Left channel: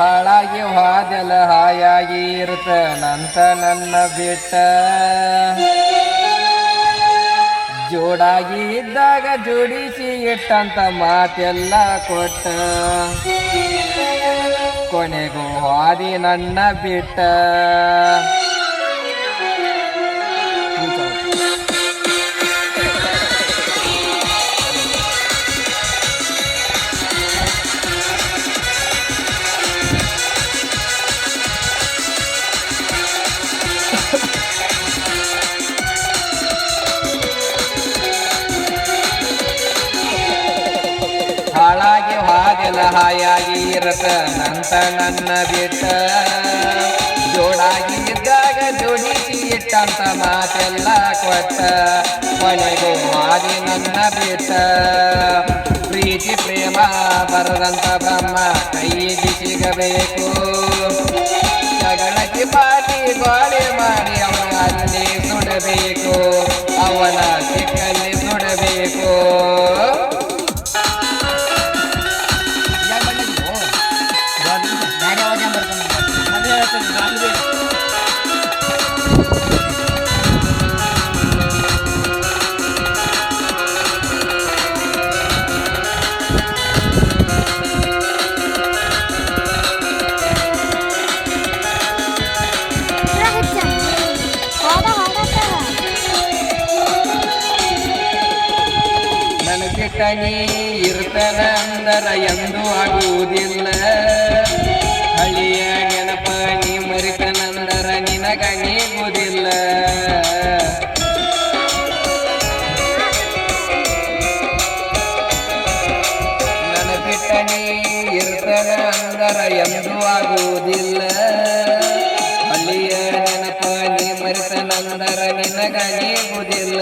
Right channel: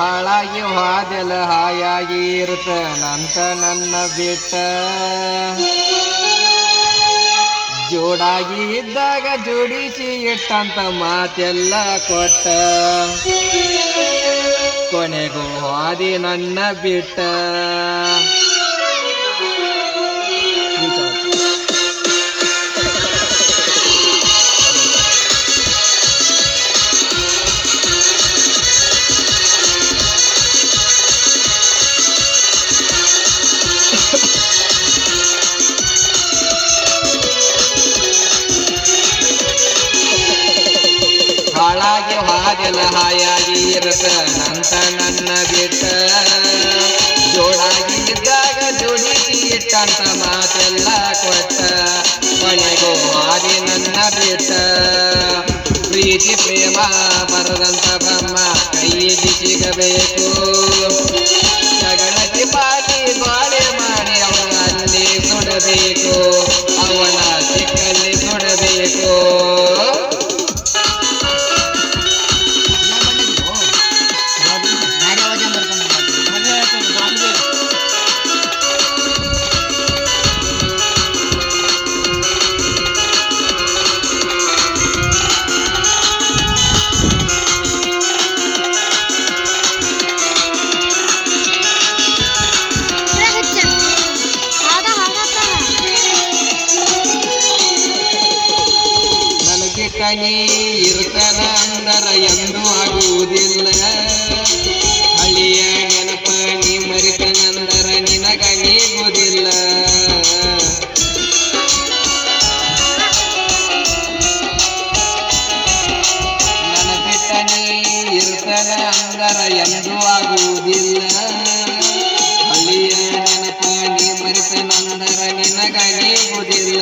ಹಾಳಾಗಿ ಹಾದೆಲ್ಲ ಹಾಯಾಗಿ ಇರ್ತನಂತ ನನ್ನ ಬಿಟ್ಟ ಜೋಡಾಗಿ ಇದ್ದಾಗ ಜೋಡಿಸಿ ಇಟ್ಟಂತ ಮಾತೆಲ್ಲ ಕೊಟ್ಟ ಕೊನೆಗೂ ಹಾದಿ ನನ್ನ ಬಿಟ್ಟ ಹಾಳಾಗಿ ಹಾದೆಲ್ಲ ಹಾಯಾಗಿ ಇರತನಂತ ನನ್ನ ಬಿಟ್ಟ ಜೋಡಾಗಿ ಇದ್ದಾಗ ಜೋಡಿಸಿ ಇಟ್ಟಂತ ಮಾತೆಲ್ಲ ಕೊಟ್ಟ ಕೊನೆಗೂ ಹಾದಿ ನನ್ನ ಬಿಟ್ಟ ಪ್ರೀತಿ ಪ್ರೇಮ ಬರದಂತ ಬ್ರಹ್ಮ ಕೈಗೆ ಸಿಗಬೇಕು ಜಗಳಕ್ಕೆ ಬಾರಿ ಗೋಳೆ ಮಾಡಿ ಅವನ ಅಲ್ಲಿ ಸುಡಬೇಕು ಅವನ ಸಿಕ್ಕಲ್ಲಿ ಸುಡಬೇಕು ನೀ ಇರ್ತನ ಅಂದರ ಎಂದೂ ಆಗುವುದಿಲ್ಲ ಹಳಿಯ ನೆನಪ ನೀ ಮರಿತನಂದರ ನಿನಗ ನೀಗುವುದಿಲ್ಲ ನನ್ನ ಬಿಟ್ಟ ನೀ ಇರ್ತನ ಅಂದರ ಎಂದೂ ಆಗುವುದಿಲ್ಲ ಹಳಿಯ ನೆನಪ ನೀ ಮರಿತನಂದರ ನಿನಗ ನೀಗುವುದಿಲ್ಲ